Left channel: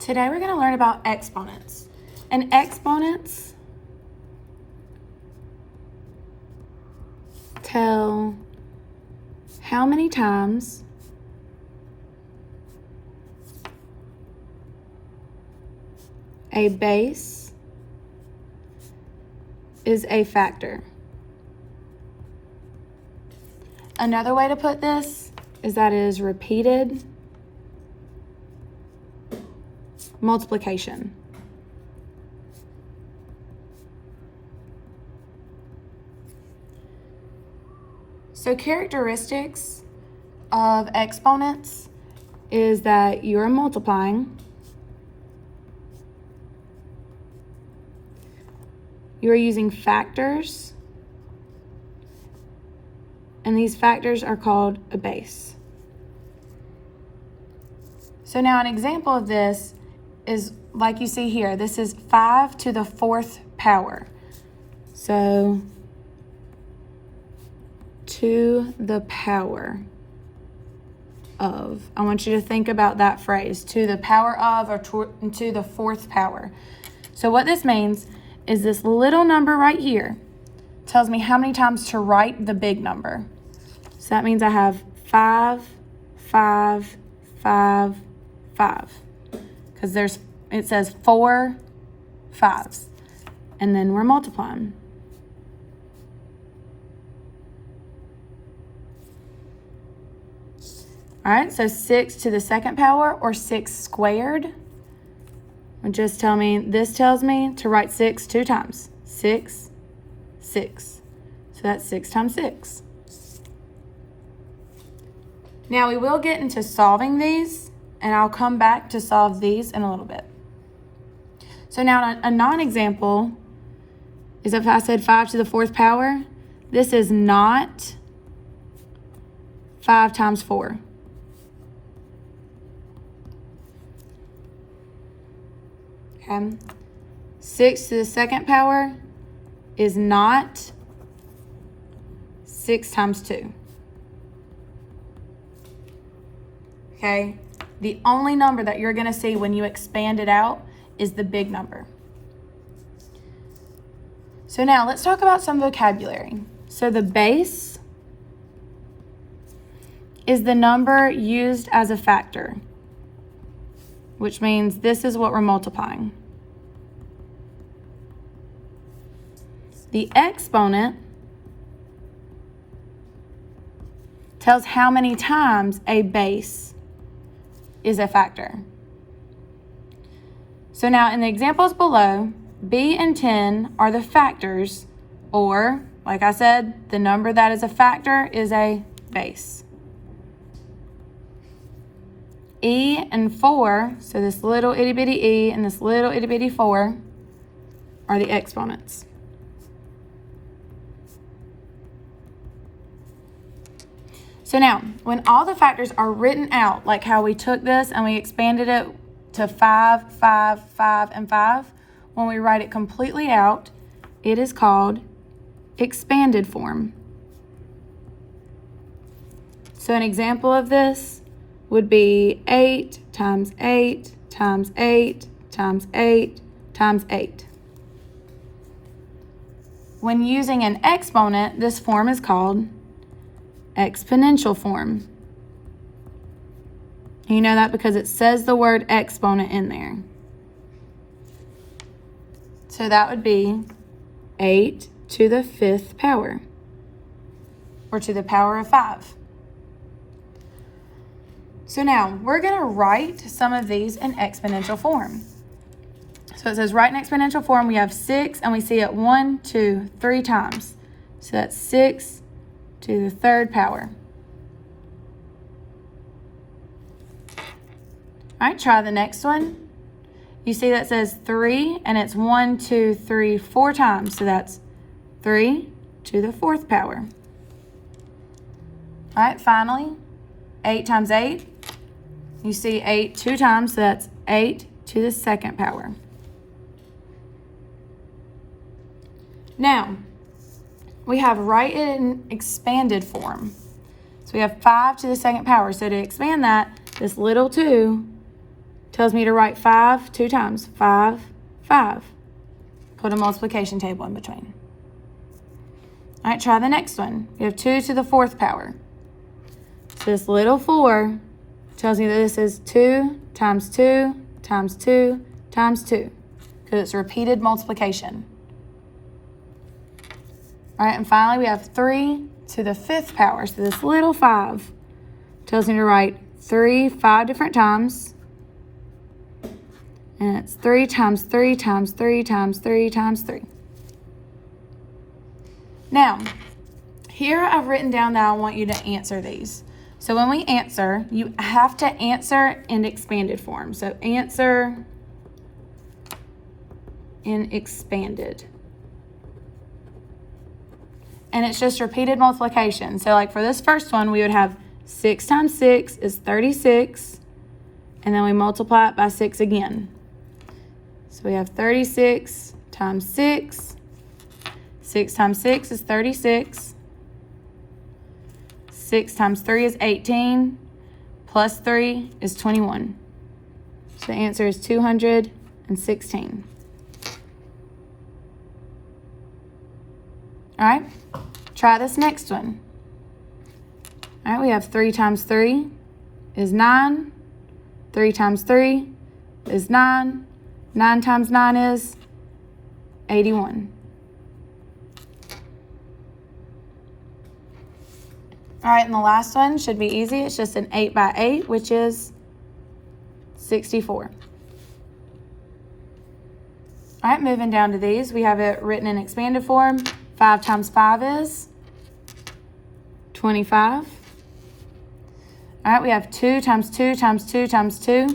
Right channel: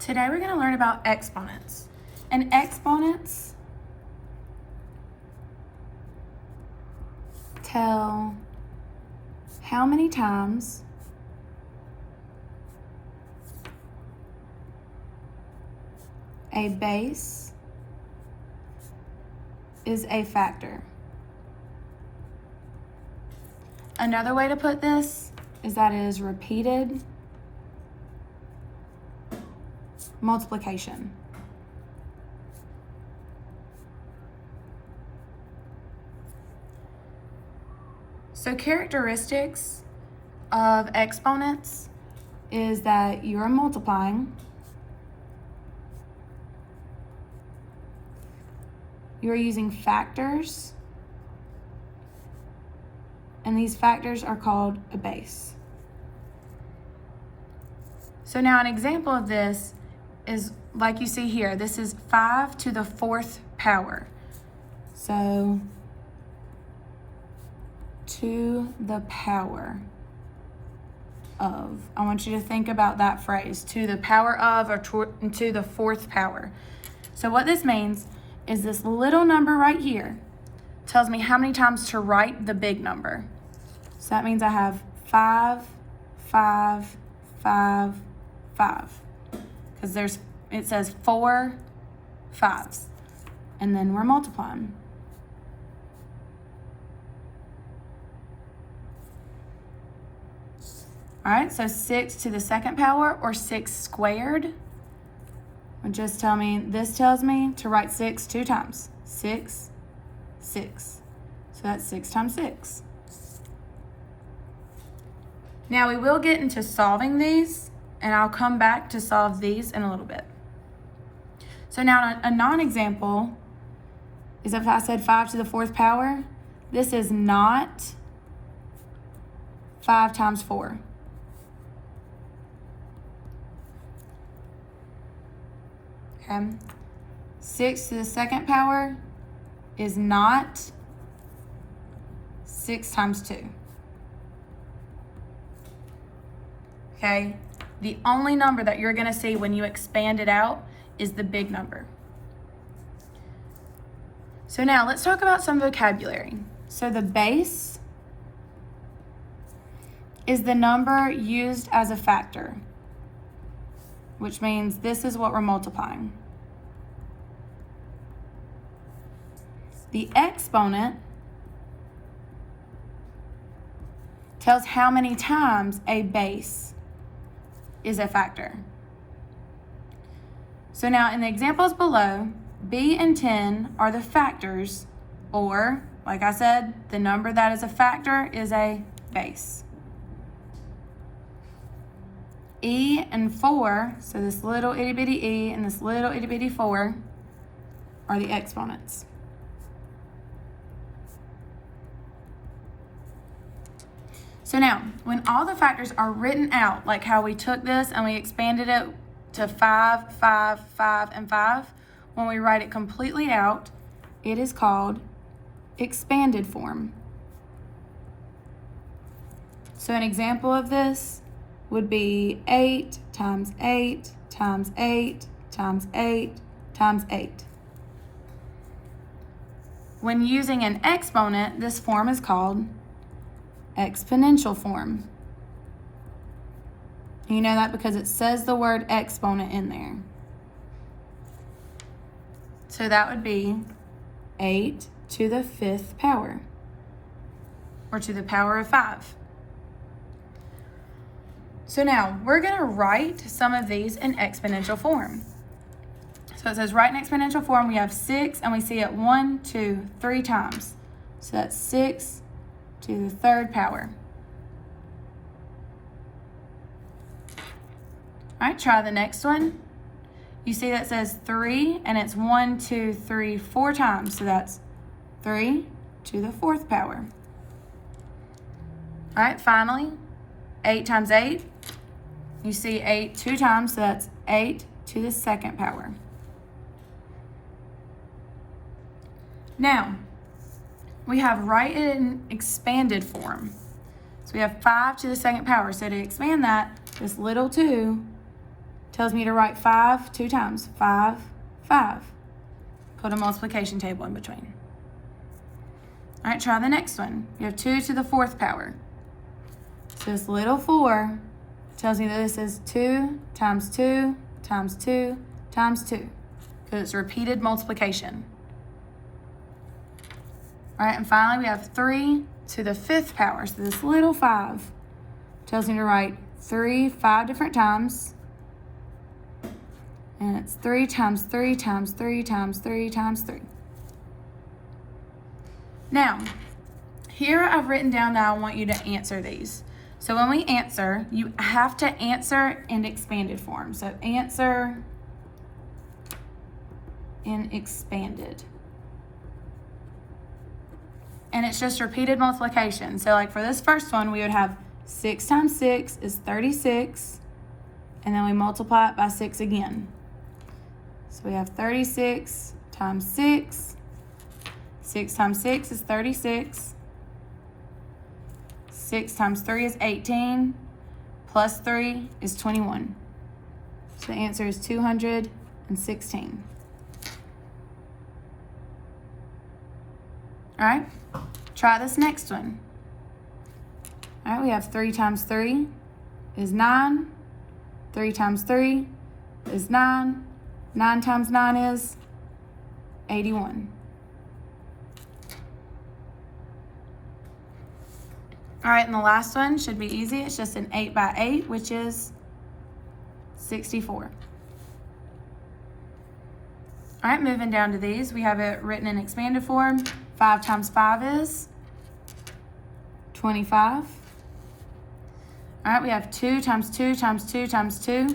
Today we're going to learn about exponents. And exponents tell how many times a base is a factor. Another way to put this is that it is repeated multiplication. So characteristics of exponents is that you're multiplying, you are using factors, and these factors are called a base. So now an example of this is like you see here. This is 5 to the 4th power. So to the power of. I want you to think about that phrase, to the power of, or to the 4th power. So what this means is this little number right here tells me how many times to write the big number. So that means I have 5, 5, 5, 5. Because it says 4 5s. And then we're multiplying. All right, so 6 to the 2nd power, or 6 squared, would just tell me, this tells me to write 6 2 times. 6, 6. So that's 6 times 6. Now we will get into solving these, and I'll come back to solve these in a little bit. So now a non-example is if I said 5 to the 4th power, this is not 5 times 4. Okay. 6 to the 2nd power is not 6 times 2. Okay, the only number that you're going to see when you expand it out is the big number. So now let's talk about some vocabulary. So the base is the number used as a factor, which means this is what we're multiplying. The exponent tells how many times a base is a factor. So now in the examples below, B and 10 are the factors, or like I said, the number that is a factor is a base. E and 4, so this little itty bitty e and this little itty bitty 4 are the exponents. So now, when all the factors are written out, like how we took this and we expanded it to 5, 5, 5, and 5, when we write it completely out, it is called expanded form. So an example of this would be 8 times 8 times 8 times 8 times 8. When using an exponent, this form is called exponential form. You know that because it says the word exponent in there. So that would be 8 to the 5th power, or to the power of 5. So now we're going to write some of these in exponential form. So it says write in exponential form. We have 6 and we see it 1, 2, 3 times. So that's 6 to the 3rd power. All right, try the next one. You see that says 3 and it's 1, 2, 3, 4 times. So that's 3 to the 4th power. All right, finally, 8 times 8. You see 8 2 times, so that's 8 to the 2nd power. Now, we have write it in expanded form. So we have 5 to the 2nd power. So to expand that, this little 2 tells me to write 5 2 times. 5, 5. Put a multiplication table in between. All right, try the next one. We have 2 to the 4th power. So this little 4 tells me that this is 2 times 2 times 2 times 2, because it's repeated multiplication. All right, and finally we have 3 to the 5th power. So this little 5 tells me to write 3 5 different times. And it's 3 times 3 times 3 times 3 times 3. Now, here I've written down that I want you to answer these. So when we answer, you have to answer in expanded form. So answer in expanded. And it's just repeated multiplication. So like for this first one, we would have 6 times 6 is 36. And then we multiply it by 6 again. So we have 36 times 6. 6 times 6 is 36. 6 times 3 is 18. Plus 3 is 21. So the answer is 216. All right, try this next one. All right, we have 3 times 3 is 9. 3 times 3 is 9. 9 times 9 is 81. All right, and the last one should be easy. It's just an 8 by 8, which is 64. All right, moving down to these, we have it written in expanded form. 5 times 5 is 25. All right, we have 2 times 2 times 2 times 2.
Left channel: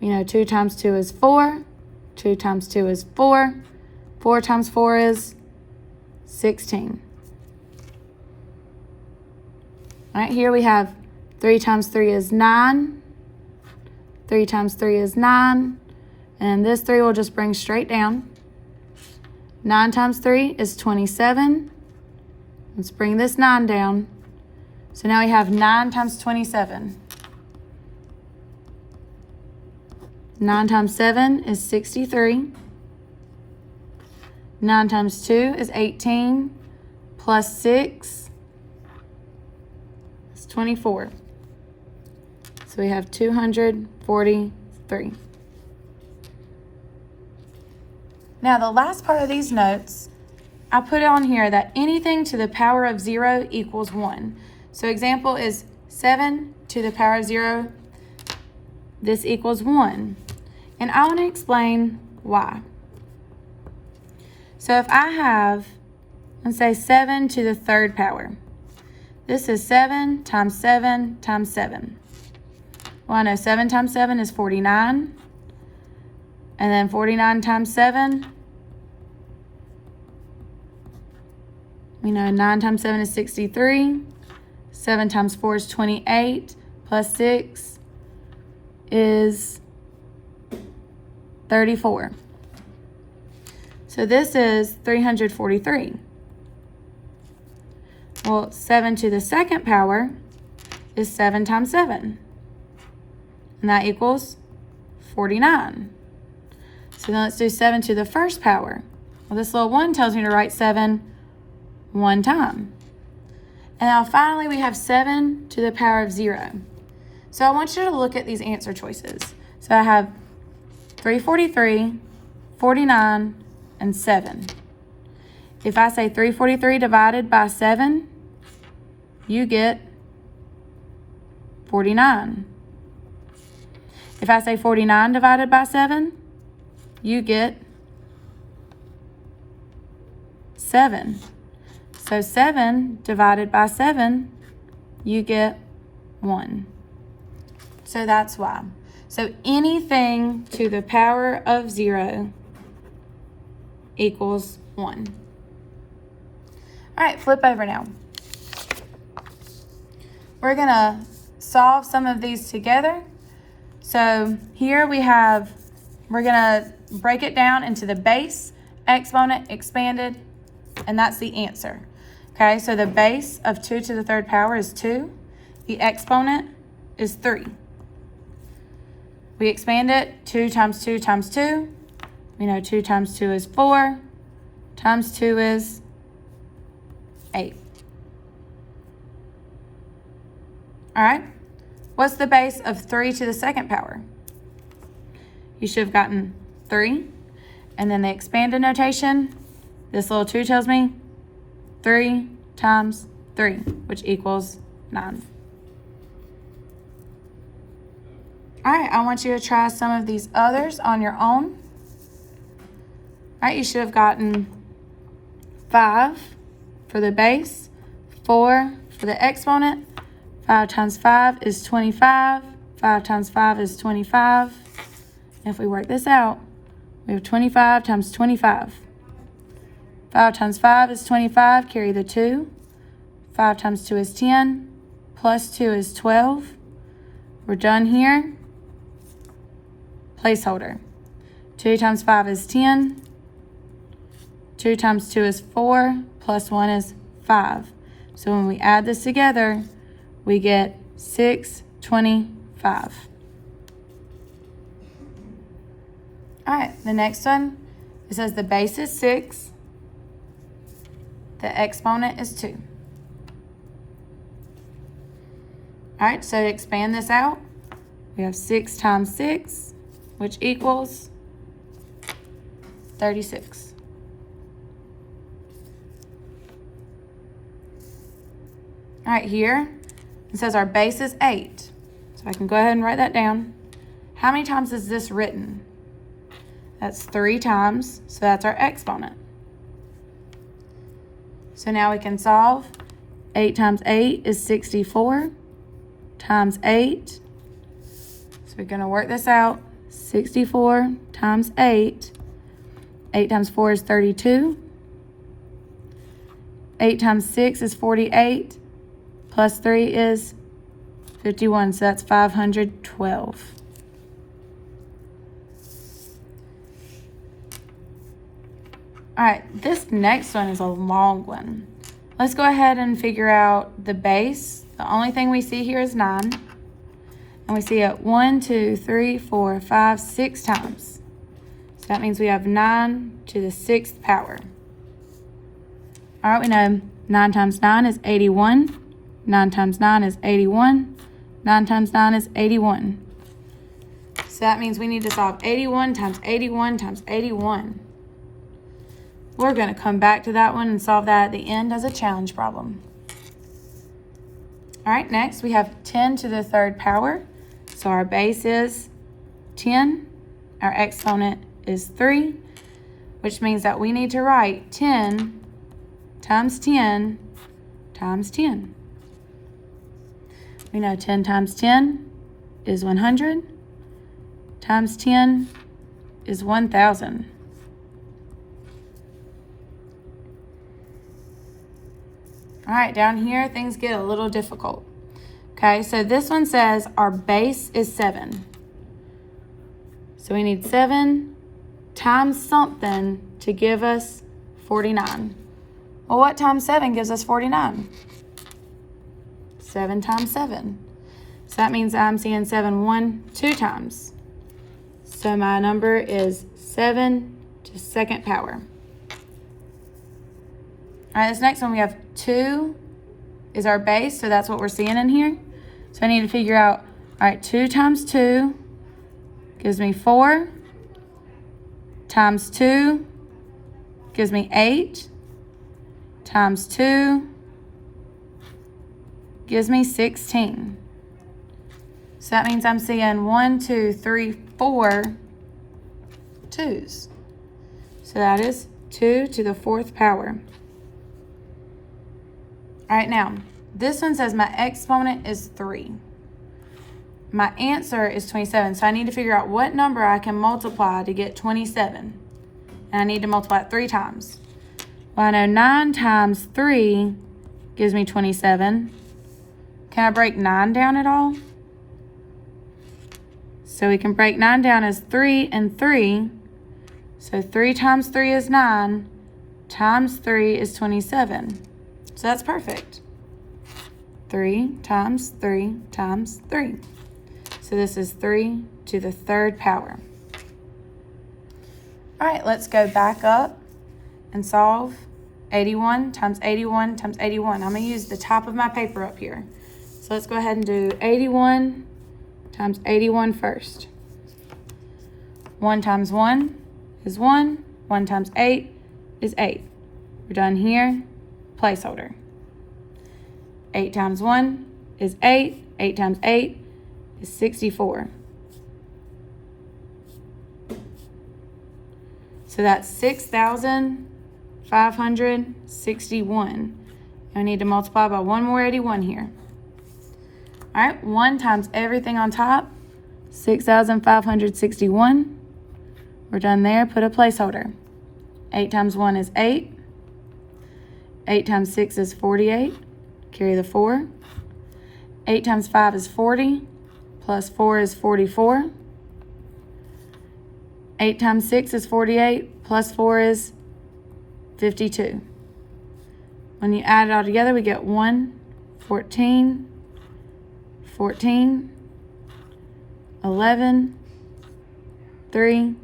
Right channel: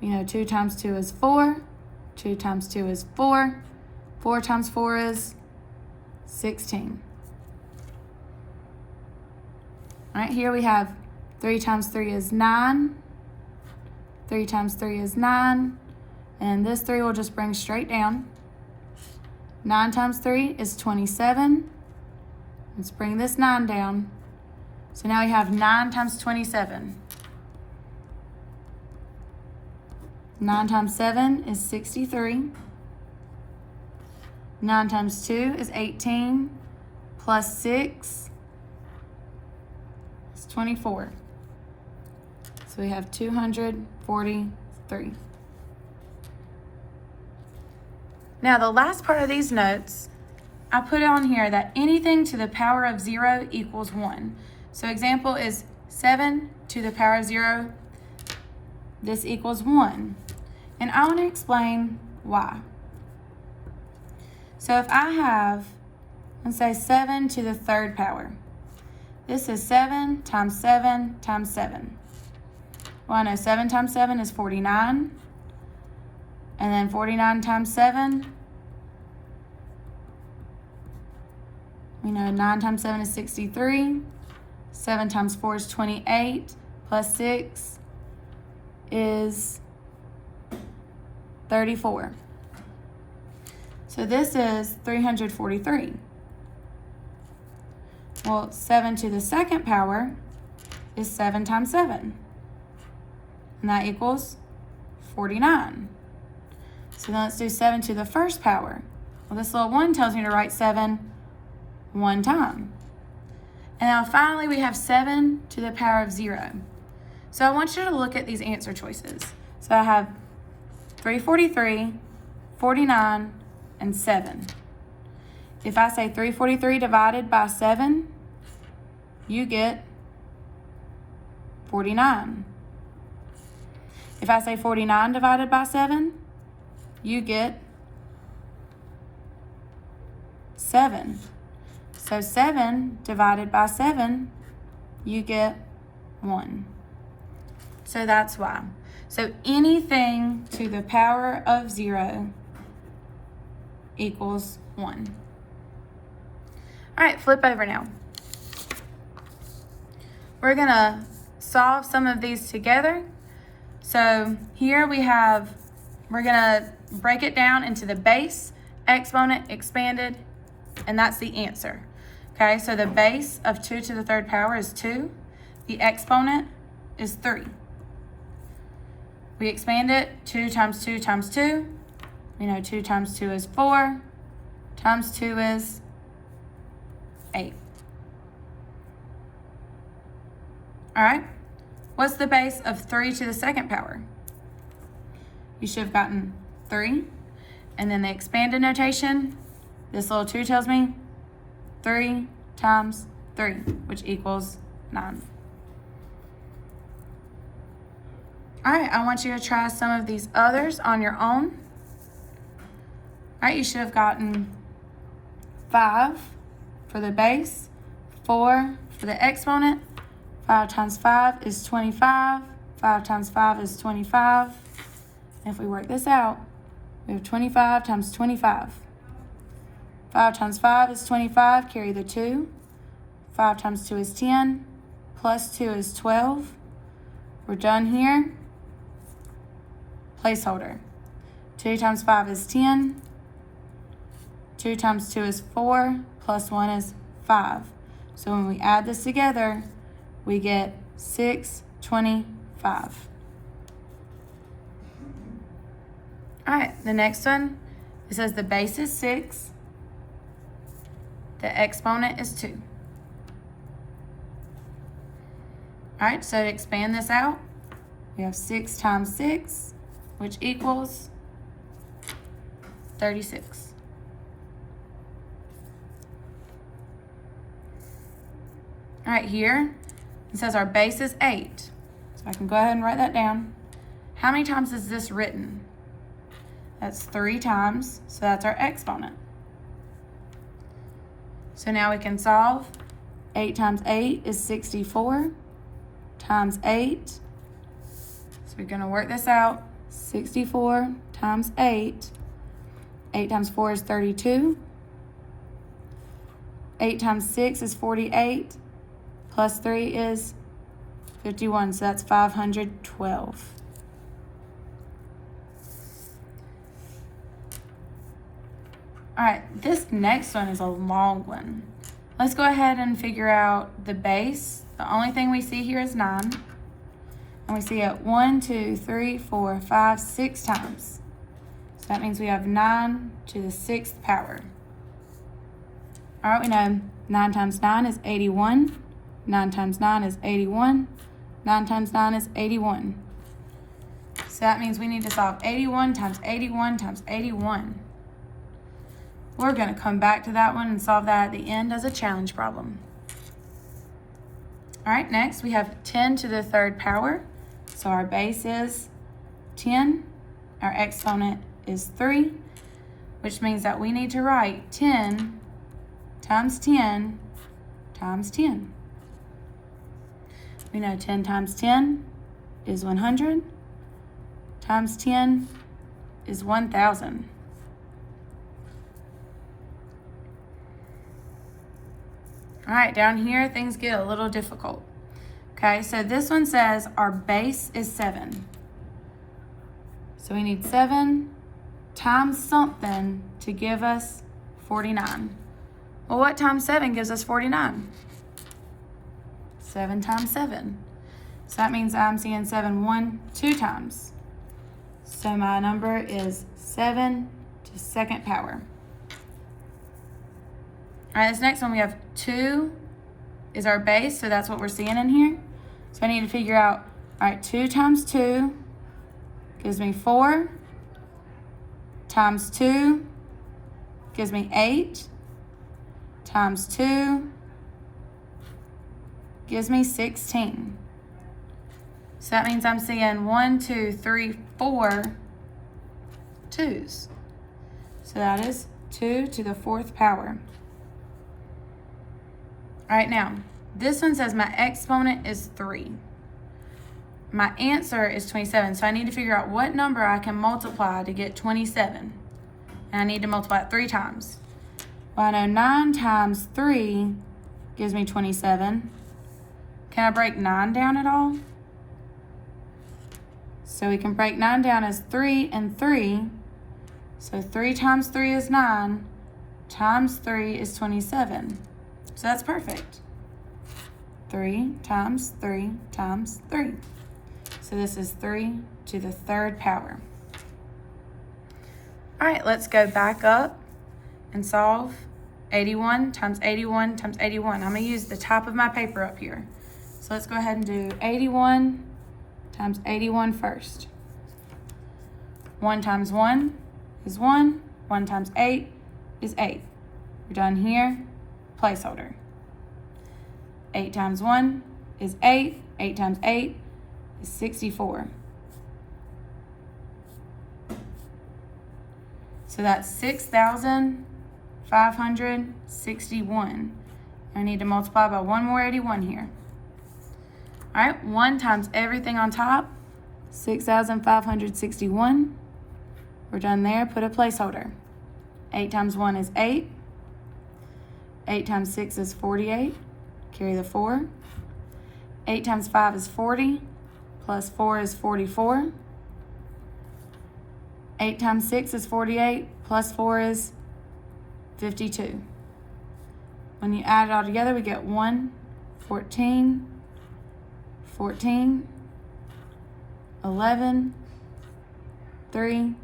You know, 2 times 2 is 4. 2 times 2 is 4. 4 times 4 is 16. All right, here we have 3 times 3 is 9. 3 times 3 is 9. And this 3 will just bring straight down. 9 times 3 is 27. Let's bring this 9 down. So now we have 9 times 27. 9 times 7 is 63. 9 times 2 is 18. Plus 6 is 24. So we have 243. Now the last part of these notes, I put on here that anything to the power of 0 equals 1. So example is 7 to the power of 0. This equals 1. And I want to explain why. So if I have, let's say 7 to the 3rd power. This is 7 times 7 times 7. Well, I know 7 times 7 is 49. And then 49 times 7. You know, 9 times 7 is 63. 7 times 4 is 28. Plus 6 is 34. So this is 343. Well, 7 to the 2nd power is 7 times 7. And that equals 49. So then let's do 7 to the 1st power. Well, this little 1 tells me to write 7 one time. And now finally we have 7 to the power of 0. So I want you to look at these answer choices. So I have 343, 49, and 7. If I say 343 divided by 7, you get 49. If I say 49 divided by 7, you get 7. So 7 divided by 7, you get 1. So that's why. So anything to the power of 0 equals 1. All right, flip over now. We're gonna solve some of these together. So here we have, we're gonna break it down into the base, exponent, expanded, and that's the answer. Okay, so the base of 2 to the 3rd power is 2. The exponent is 3. We expand it. 2 times 2 times 2. We know 2 times 2 is 4. Times 2 is 8. All right. What's the base of 3 to the second power? You should have gotten 3. And then the expanded notation, this little 2 tells me 3 times 3, which equals 9. All right, I want you to try some of these others on your own. All right, you should have gotten 5 for the base, 4 for the exponent. 5 times 5 is 25. 5 times 5 is 25. And if we work this out, we have 25 times 25. 5 times 5 is 25, carry the 2. 5 times 2 is 10, plus 2 is 12. We're done here. Placeholder. 2 times 5 is 10. 2 times 2 is 4, plus 1 is 5. So when we add this together, we get 625. All right, the next one, it says the base is 6, the exponent is 2. All right, so to expand this out, we have 6 times 6, which equals 36. All right, here, it says our base is 8. So I can go ahead and write that down. How many times is this written? That's 3 times, so that's our exponent. So now we can solve. 8 times 8 is 64 times 8. So we're gonna work this out. 64 times 8. 8 times 4 is 32. 8 times 6 is 48. Plus 3 is 51, so that's 512. All right, this next one is a long one. Let's go ahead and figure out the base. The only thing we see here is 9. And we see it 1, 2, 3, 4, 5, 6 times. So that means we have 9 to the 6th power. All right, we know 9 times 9 is 81. 9 times 9 is 81. 9 times 9 is 81. So that means we need to solve 81 times 81 times 81. We're going to come back to that one and solve that at the end as a challenge problem. All right, next we have 10 to the 3rd power. So our base is 10. Our exponent is 3, which means that we need to write 10 times 10 times 10. We know 10 times 10 is 100, times 10 is 1,000. All right, down here, things get a little difficult. Okay, so this one says our base is 7. So we need 7 times something to give us 49. Well, what times 7 gives us 49? 7 times 7. So that means I'm seeing 7 2 times. So my number is 7 to 2nd power. All right, this next one we have 2 is our base, so that's what we're seeing in here. So I need to figure out, all right, 2 times 2 gives me 4, times 2 gives me 8, times 2 gives me 16. So that means I'm seeing 1, 2, 3, 4 2s. So that is 2 to the 4th power. All right, now, this one says my exponent is 3. My answer is 27, so I need to figure out what number I can multiply to get 27. And I need to multiply it 3 times. Well, I know 9 times 3 gives me 27. Can I break 9 down at all? So we can break 9 down as 3 and 3. So 3 times 3 is 9, times 3 is 27. So that's perfect. 3 times 3 times 3. So this is 3 to the third power. All right, let's go back up and solve 81 times 81 times 81. I'm gonna use the top of my paper up here. So let's go ahead and do 81 times 81 first. 1 times 1 is 1. 1 times 8 is 8. We're done here, placeholder. 8 times 1 is 8. 8 times 8 is 64. So that's 6,561. I need to multiply by one more 81 here. All right, 1 times everything on top, 6,561. We're done there, put a placeholder. 8 times 1 is 8. 8 times 6 is 48. Carry the 4. 8 times 5 is 40. Plus 4 is 44. 8 times 6 is 48. Plus 4 is 52. When you add it all together, we get 1, 14, 14, 11, 3,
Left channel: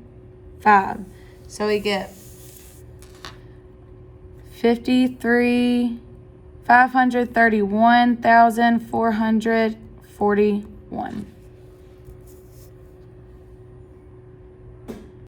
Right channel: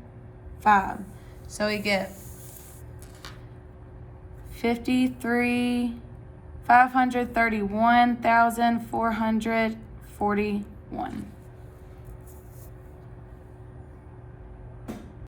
5. So we get 531,441.